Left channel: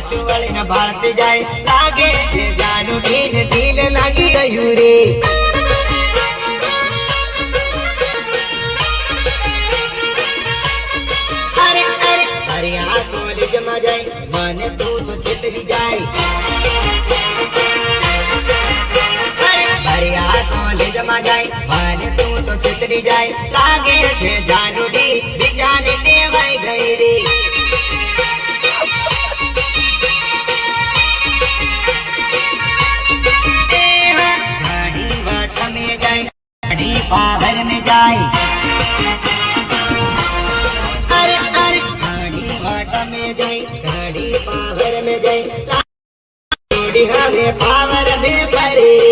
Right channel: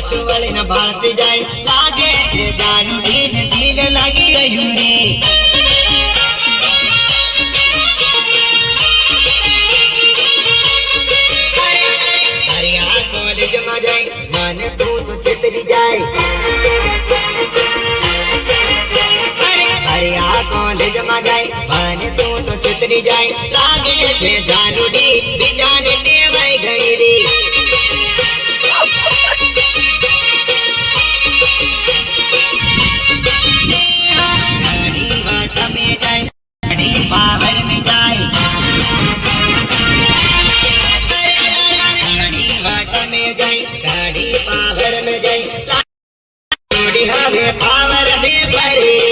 પાછું વળીને ભાળતી જાય લાગે છે જાનું ઢીલ ઢીલ લાગી ગયું રે અરે અરે અરે આ કોલેજમાં જાય મને તું તો છેતરી જાય અરે આ કોલેજમાં જાય મને તું તો છેતરી જાય લાગે છે જાનું ઢીલ બીજાને ટેવાઈ ગઈ રે पावर में जाए अरे अरे गाड़ी वाट में जाए गाड़ी पावर में जाए गाड़ी हमें पावर में भरे